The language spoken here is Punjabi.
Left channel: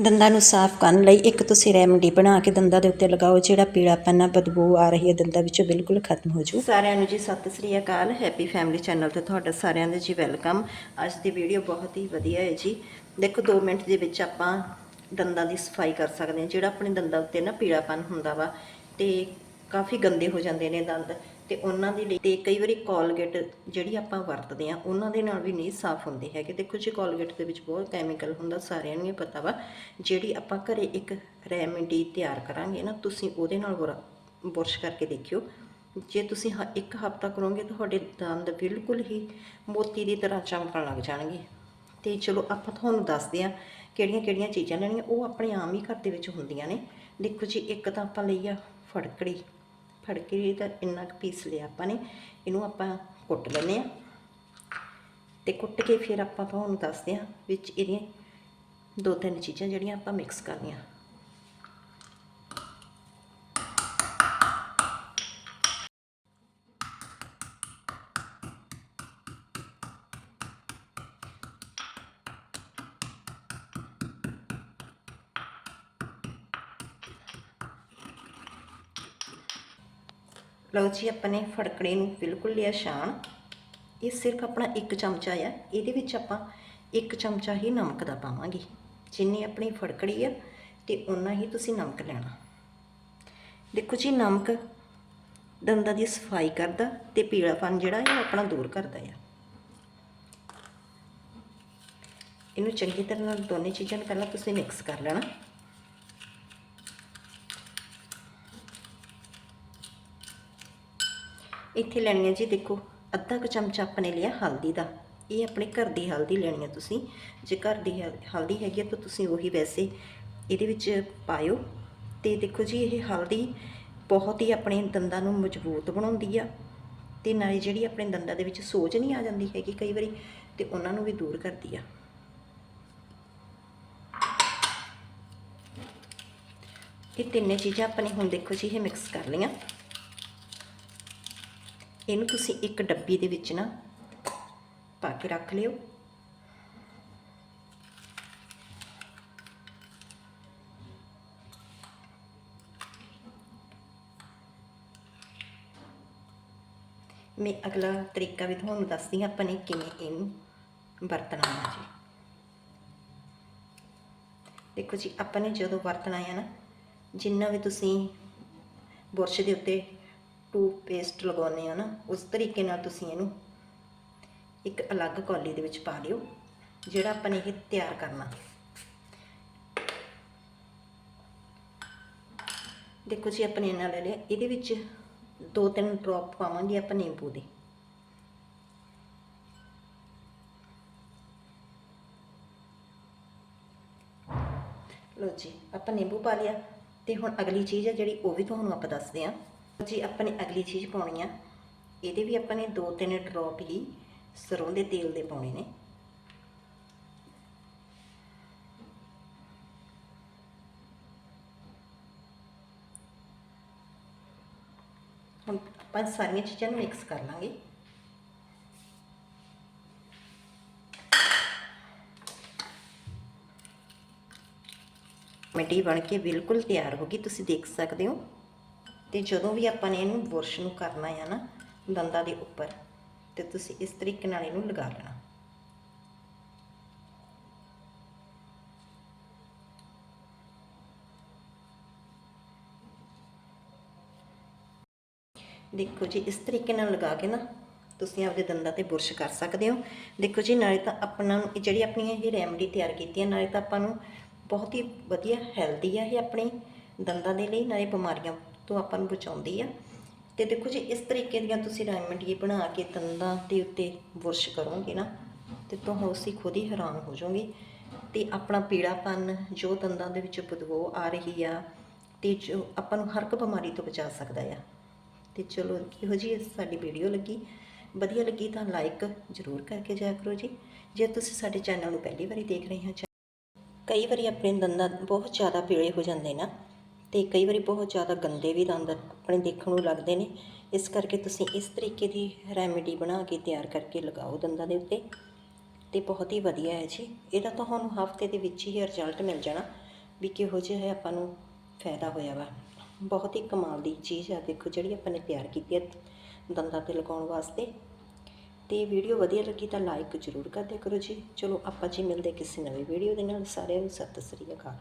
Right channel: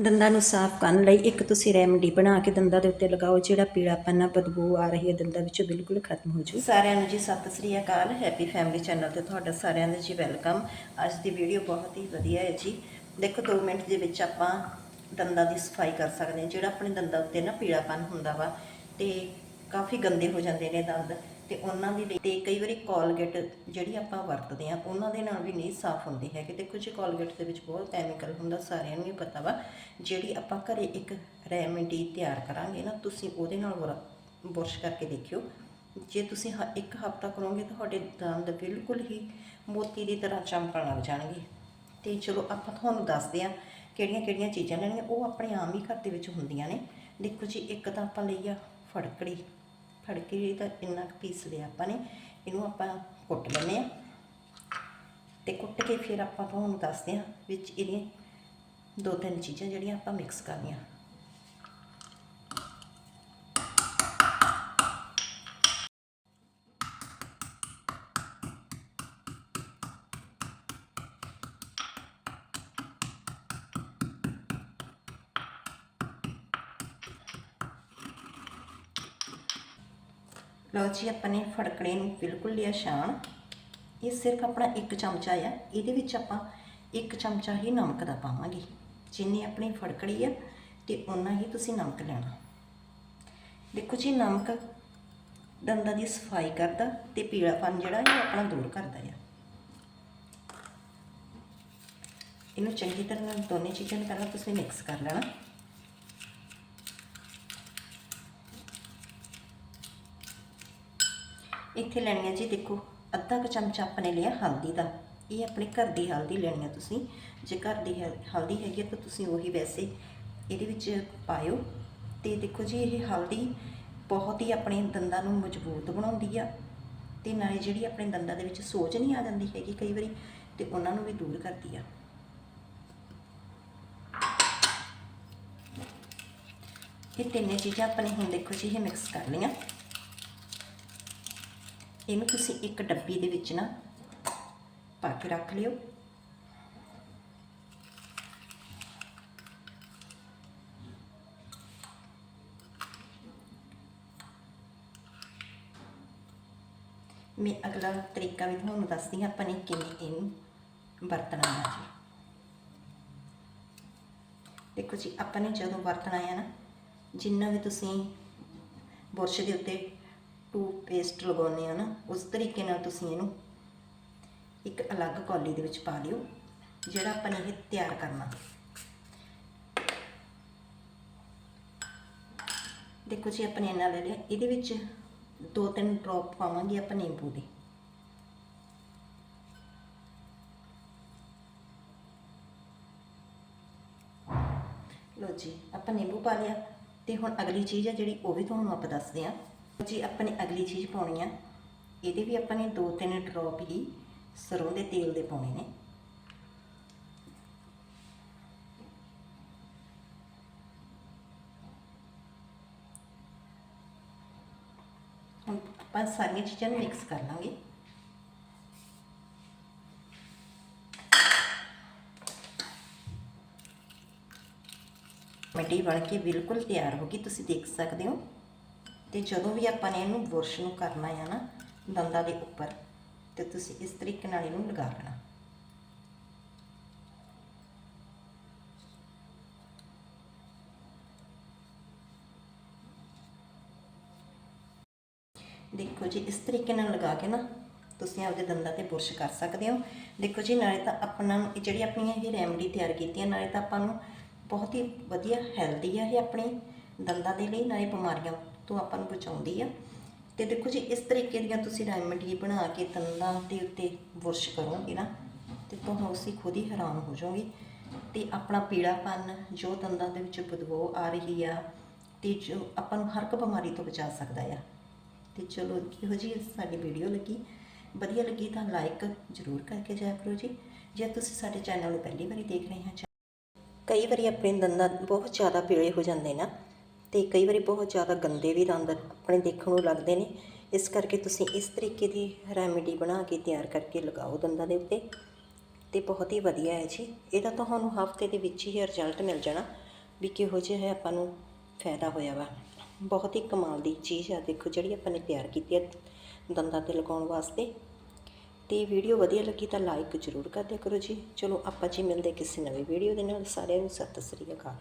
ਦੰਦਾਂ ਨੂੰ ਸਾਫ਼ ਕਰਨ ਲਈ ਇੱਕ ਤੁਸੀਂ ਰੈਮਡੀ ਬਣਾ ਕੇ ਦੰਦਾਂ ਦੇ ਉੱਤੇ ਲਗਾਓ, ਜਿਹੜਾ ਪੀੜਾਪਨ ਆ ਬਦਬੂ ਆ ਰਹੀ ਹੈ ਦੰਦਾਂ ਵਿੱਚੋਂ ਬਿਲਕੁਲ ਖਤਮ ਹੋ ਜੂ ਸਾਰਿਆਂ ਨੂੰ ਜੀ ਸਤਿ ਸ੍ਰੀ ਅਕਾਲ, ਹੈਪੀ ਫੈਮਿਲੀ ਚੈਨਲ ਤੇ ਤੁਹਾਡਾ ਸਾਰਿਆਂ ਦਾ ਜੀ ਵੈਲਕਮ। ਅੱਜ ਦੀ ਵੀਡੀਓ ਬਹੁਤ ਹੀ ਵਧੀਆ ਹੈ ਜੀ। ਦੇਖੋ 2 ਮਿੰਟ ਦੇ ਵਿੱਚ ਆਪਾਂ ਦੰਦਾਂ ਦੀ ਸਫ਼ਾਈ ਕਰ ਸਕਦੇ ਹਾਂ, ਜਿਹੜਾ ਆਪਣੇ ਦੰਦਾਂ ਉੱਤੇ ਨਾ ਪੀੜਾਪਨ ਹੁੰਦਾ ਵਾ, ਤੇ ਕਾਫੀ ਗੰਦੇ ਹੋ ਜਾਂਦੇ ਨੇ ਦੰਦ। ਤੇ ਉਹਨਾਂ ਦੇ ਲਈ ਤੇ ਕਈ ਵਾਰੀ ਕੋਲਗੇਟ ਜਿਹੜੀ ਆਪਾਂ ਵਰਤਦੇ ਆ ਉਹਨਾਂ ਦੇ ਨਾਲ ਵੀ ਨਹੀਂ ਸਾਫ਼ ਹੁੰਦੇ ਹੈਗੇ ਦੇਖੋ ਜੀ ਕੋਲਗੇਟ ਦੇ ਵਿੱਚ ਬਹੁਤ ਕੈਮੀਕਲ ਹੁੰਦਾ, ਸਾਰਿਆਂ ਨੂੰ ਹੀ ਪਤਾ ਵਾ, ਜਿਹੜੀ ਆਪਾਂ ਘਰੇ ਇੱਕ ਰੈਮਡੀ ਤਿਆਰ ਕਰਾਂਗੇ ਨਾ, ਤੁਸੀਂ ਉਹਦੇ ਨਾਲ ਬੁਰਾ- ਬੁਰਸ਼ ਕਰਕੇ ਦੇਖਿਓ। ਜੇ ਤੁਸੀਂ ਹ- ਇੱਕ ਹਫ਼ਤਾ ਕਰੋਗੇ ਤੁਹਾਡੇ ਦੰਦ ਬਿਲਕੁਲ ਹੀ ਮੋਤੀ ਦੀ ਤਰ੍ਹਾਂ ਚਮਕਣ ਲੱਗ ਜਾਣਗੇ। ਤੇ ਚਲੋ ਆਪਾਂ ਤੁਹਾਨੂੰ ਦੱਸਦੇ ਹਾਂ ਕਿਹੜੀਆਂ ਕਿਹੜੀਆਂ ਚੀਜ਼ਾਂ ਲੈਣੀਆਂ ਉਹ ਆਪਣੇ ਆਮ ਹੀ ਘਰ ਦੇ ਵਿੱਚ ਹੁੰਦੀਆਂ ਨੇ। ਦੇਖੋ ਜੀ, ਇੱਕ ਤਾਂ ਆਪਾਂ ਲਈ ਆ ਫੜਕੜੀ। ਫੜ ਕੇ ਤਾਂ ਇੰਨਾ ਕੁ ਪੀਸ ਲਿਆ ਆਪਾਂ ਨੇ, ਇਹਨੂੰ ਆਪਾਂ ਕੁੱਟ ਲੈਂਦੇ ਆ ਤੇ ਕੁੱਟ ਕੇ ਫਿਰ ਆਪਾਂ ਤੁਹਾਨੂੰ ਦੱਸਦੇ ਹਾਂ ਵਿੱਚ ਇਹਦੀਆਂ ਦੋ ਤਿੰਨ ਚੀਜ਼ਾਂ ਜਿਹੜੀਆਂ ਆਪਾਂ ਮਿਕਸ ਕਰਨੀਆਂ। ਲਓ ਜੀ ਆਪਾਂ ਨੇ ਫੜਕੜੇ ਨੂੰ ਬਿਲਕੁਲ ਲਿਆ ਛਾਣ। ਇਹ ਸਿਰਫ ਆਪਣਾ ਇੱਕ ਚਮਚਾ ਆ, ਇਹਦੇ ਵਿੱਚ ਆਪਾਂ ਇੱਕ ਚਮਚਾ ਹੀ ਨਮਕ ਦਾ ਪਾਵਾਂਗੇ। ਜਿੰਨੀ ਆਪਣੀ ਫੜਕੜੀ ਆ, ਤੇ ਉਨਾ ਹੀ ਤੁਸੀਂ ਨਮਕ ਲੈਣਾ। ਦੇਖੋ ਜੀ, ਨਮਕ ਦੰਦਾਂ ਦੀ ਸਫ਼ਾਈ ਕਰਦਾ ਤੇ ਪੀਲਾਪਨ ਜਿਹੜਾ ਇਹ ਆਪਣਾ ਦੂਰ ਕਰਦਾ ਆ। ਇਹਨੂੰ ਚੰਗੀ ਤਰ੍ਹਾਂ ਨਾਲ ਦੋਨੇ ਚੀਜ਼ਾਂ ਨੂੰ ਪਹਿਲਾਂ ਤੁਸੀਂ ਮਿਕਸ ਕਰ ਲੈਣਾ। ਇੱਥੇ ਲੈਣੀ ਹੈ ਜੀ ਦੇਖੋ, ਅੱਧਾ ਕੁ ਚਮਚਾ ਆਪਣੇ ਲਿਆ ਹਲਦੀ ਦਾ। ਇਹ ਆਪਣੇ ਘਰ ਦੀ ਹਲਦੀ ਲੈਣੀ ਹੈ ਤੁਸੀਂ। ਜੇ ਘਰ ਦੀ ਹਲ- ਹਲਦੀ ਹੈਗੀ ਹੈ ਤਾਂ ਤੁਸੀਂ ਉਹੀ ਵੈਸੇ ਇਹਦੇ ਵਿੱਚ ਪਾਇਓ। ਤੇ ਦੇਖੋ ਜੀ, ਇਹ ਹਲਦੀ ਬਹੁਤ ਹੀ ਆਪਣੇ ਦੰਦਾਂ ਨੂੰ ਮਜ਼ਬੂਤ ਬਣਾਉਂਦੀ ਆ। ਤੇ ਨਾਲੇ ਜਿਹੜੀ ਆਪਣੇ ਦੰਦਾਂ ਦੇ ਵਿੱਚ ਸੋਜ ਨਹੀਂ ਆ ਜਾਂਦੀ ਹੈਗੀ ਕਈ ਵਾਰੀ, ਤੇ ਉਹਨਾਂ ਨੂੰ ਵੀ ਦੂਰ ਕਰਦੀ ਆ। ਇਹ ਤਿੰਨੇ ਚੀਜ਼ਾਂ ਆਪਣੇ ਹੁਣ ਦੇਖੋ ਜੀ, ਇਹ ਮਿਕਸ ਕਰ ਲਈਆਂ। ਇਹਨੂੰ ਤੁਸੀਂ ਇੱਕ ਡੱਬੀ ਦੇ ਵਿੱਚ ਨਾ ਪਾ ਕੇ ਰੱਖ ਲਿਓ। ਮੈਂ ਅਗਲਾ ਤਰੀਕਾ ਵੀ ਤੁਹਾਨੂੰ ਦੱਸਦੀ ਹਾਂ, ਆਪਾਂ ਨੇ ਕਿਵੇਂ ਇਹਨੂੰ ਵਰਤਣਾ ਹੈ ਜੀ। ਦੇਖੋ ਜੀ, ਆਪਾਂ ਨੇ ਜਦੋਂ ਵਰਤਣਾ ਹੈ ਨਾ, ਜਿੰਨਾ ਵੀ ਤੁਸੀਂ ਬੁਰਸ਼ ਦੇ ਉੱਤੇ ਟੂਥ ਪੇਸਟ ਲਗਾਉਂਦੇ ਆ ਨਾ, ਉਸ ਤਰੀਕੇ ਨਾਲ ਤੁਸੀਂ ਇਹਨੂੰ ਇੱਕ ਅਲੱਗ ਕੌਲੀ ਦੇ ਵਿੱਚ ਪਾ ਲਿਓ, ਜਿਹੜਾ ਆਪਾਂ ਨੇ ਇਹ ਤਿਆਰ ਕਰਨਾ। ਦੇਖੋ ਜੀ ਆਪਣੇ ਇਹਨਾਂ ਲੈ ਲਿਆ ਇਹਦੇ ਵਿੱਚ ਦੋ ਤਿੰਨ ਡ੍ਰੌਪ ਪਾਵਾਂਗੇ ਆਪਾਂ ਨਿੰਬੂ ਦੇ। ਲੋ ਜੀ, ਆਪਾਂ ਨਿੰਬੂ ਪਾ ਲਿਆ। ਤੇ ਹੁਣ ਅਗਲੀ ਚੀਜ਼ ਹੈ ਜਿਹੜੀ ਉਹ ਵੀ ਤੁਹਾਨੂੰ ਆਪਾਂ ਦੱਸਦੇ ਆ। ਜੀ, ਆਪਾਂ ਨੇ ਅਗਲੀ ਚੀਜ਼ ਪਾਉਣੀ ਆ। ਇਹਦੇ ਵੀ ਆਪਾਂ ਨੇ ਦੋ ਤਿੰਨ ਡ੍ਰੌਪ ਹੀ ਸਰੋਂ ਦੇ ਤੇਲ ਦੇ ਪਾਉਣੇ ਨੇ। ਹੁਣ ਆਪਾਂ ਸਾਰੀਆਂ ਚੀਜ਼ਾਂ ਨੂੰ ਮਿਕਸ ਕਰ ਲਾਂਗੇ। ਮਿੱਟੀ ਬਣ ਕੇ ਬਿਲਕੁਲ ਤਿਆਰ ਹੋ ਗਈ, ਤੁਸੀਂ ਦੇਖ ਸਕਦੇ ਹੋ। ਤੇ ਜਦੋਂ ਵੀ ਆਪਾਂ ਨੇ ਇਹਨੂੰ ਬੁਰਸ਼ ਨੂੰ ਕਰਨਾ ਆ ਨਾ, ਦੰਦਾਂ ਦੇ ਉੱਪਰ, ਤੇ ਤੁਸੀਂ ਇਸ ਤਰੀਕੇ ਨਾਲ ਇਹਨੂੰ ਲਗਾ ਲੈਣਾ। ਦੇਖੋ ਜੀ, ਇਸ ਤਰੀਕੇ ਨਾਲ ਲਗਾ ਕੇ ਨਾ, ਤੁਸੀਂ ਆਪਦੇ ਦੰਦਾਂ ਤੇ ਬੁਰਸ਼ ਕਰ ਸਕਦੇ ਹੋ। ਦੇਖੋ ਜੀ, ਨਾਲੇ ਤਾਂ ਆਪਣਾ ਜਿਹੜੀ ਆਪਣੀ ਇਹ ਰੈਮਡੀ ਤਿਆਰ ਕੀਤੀ ਹੈ ਨਾਲੇ ਤਾਂ ਆਪਾਂ ਨੂੰ ਬਹੁਤ ਹੀ ਵਧੀਆ ਹੈਲਦੀ ਆ ਇਹ ਆਪਣੇ ਦੰਦਾਂ ਦੇ ਲਈ, ਨਾਲੇ ਬਿਮਾਰੀਆਂ ਤੋਂ ਆਪਾਂ ਨੂੰ ਬਚਾਉਂਦੀ ਆ। ਤੇ ਦੇਖੋ ਜੀ, ਇਸ ਤਰੀਕੇ ਦੀਆਂ ਤੁਸੀਂ ਰੈਮਡੀ ਬਣਾ ਕੇ ਦੰਦਾਂ ਦੇ ਉੱਤੇ ਬੁਰਸ਼ ਕਰੋਗੇ ਨਾ, ਤੇ ਅਸੀਂ ਖੁਦ ਹੀ ਹੈਰਾਨ ਹੋ ਜਾਓਗੇ। ਤੇ ਆਪਣਾ ਪੀੜਾਪਨ ਜੋ ਦੰਦਾਂ ਦੇ ਵਿੱਚ ਬਦਬੂ ਆ ਰਹੀ ਆ, ਤੇ ਜੋ ਆਪਾਂ ਨੂੰ ਹਰ ਇੱਕ ਬਿਮਾਰੀ ਤੋਂ ਬਚਾ ਸਕਦਾ ਆ। ਤੇ ਚਲੋ ਇਹੋ ਜੀ ਸਾਡੀ ਵੀਡੀਓ ਲੱਗੀ। ਵਧੀਆ ਲੱਗੀ ਤਾਂ ਲਾਈਕ ਜ਼ਰੂਰ ਕਰਕੇ ਜਾਇਆ ਕਰੋ ਜੀ। ਜੇ ਤੁਸੀਂ ਸਾਡੇ ਚੈਨਲ ਨੂੰ ਪਹਿਲੀ ਵਾਰੀ ਦੇਖ ਰਹੇ ਹੋ ਕਈ ਵਾਰੀ ਆਪਣੇ ਦੰਦਾਂ ਬਹੁਤ ਜ਼ਿਆਦਾ ਪੀਲੇ ਹੋ ਜਾਂਦੇ ਨਾ ਅਤੇ ਕਈ ਵਾਰੀ ਬਹੁਤ ਜ਼ਿਆਦਾ ਗੰਦੇ ਵੀ ਦੰਦ ਆਪਣੇ ਦੇਖਣ ਨੂੰ ਲੱਗਦੇ ਨੇ। ਇਸ ਕਰਕੇ ਤੁਸੀਂ ਇਸ ਤਰੀਕੇ ਦੀ ਰੈਮੇਡੀ ਬਣਾ ਕੇ ਤਿਆਰ ਕਰਕੇ ਲਗਾਓ ਦੰਦਾਂ ਦੇ ਉੱਤੇ। ਅਤੇ ਬਹੁਤ ਹੀ ਵਧੀਆ ਹੈ ਜੀ। ਇਹਦਾ ਤੁਹਾਨੂੰ ਹਫ਼ਤੇ ਦੇ ਵਿੱਚ ਹੀ ਰਿਜ਼ਲਟ ਮਿਲ ਜਾਣਾ ਵੀ ਕਿਹੋ ਜਿਹਾ ਹੈ ਆਪਾਂ ਨੂੰ ਫਾਇਦਾ ਹੋਇਆ ਵਾ। ਬਹੁਤ ਹੀ ਕਮਾਲ ਦੀ ਚੀਜ਼ ਆ ਦੇਖੋ ਜਿਹੜੀ ਆਪਾਂ ਨੇ ਤਿਆਰ ਕੀਤੀ ਹੈ ਦੰਦਾਂ ਤੇ ਲਗਾਉਣ ਵਾਸਤੇ। ਤੇ ਵੀਡੀਓ ਵਧੀਆ ਲੱਗੀ ਤਾਂ ਲਾਈਕ ਜ਼ਰੂਰ ਕਰ ਦਿਆ ਕਰੋ ਜੀ। ਚਲੋ ਆਪਾਂ ਜੀ ਮਿਲਦੇ ਕਿਸੇ ਨਵੇਂ ਵੀਡੀਓ ਦੇ ਨਾਲ। ਸਾਰਿਆਂ ਨੂੰ ਸਤਿ ਸ੍ਰੀ ਅਕਾਲ।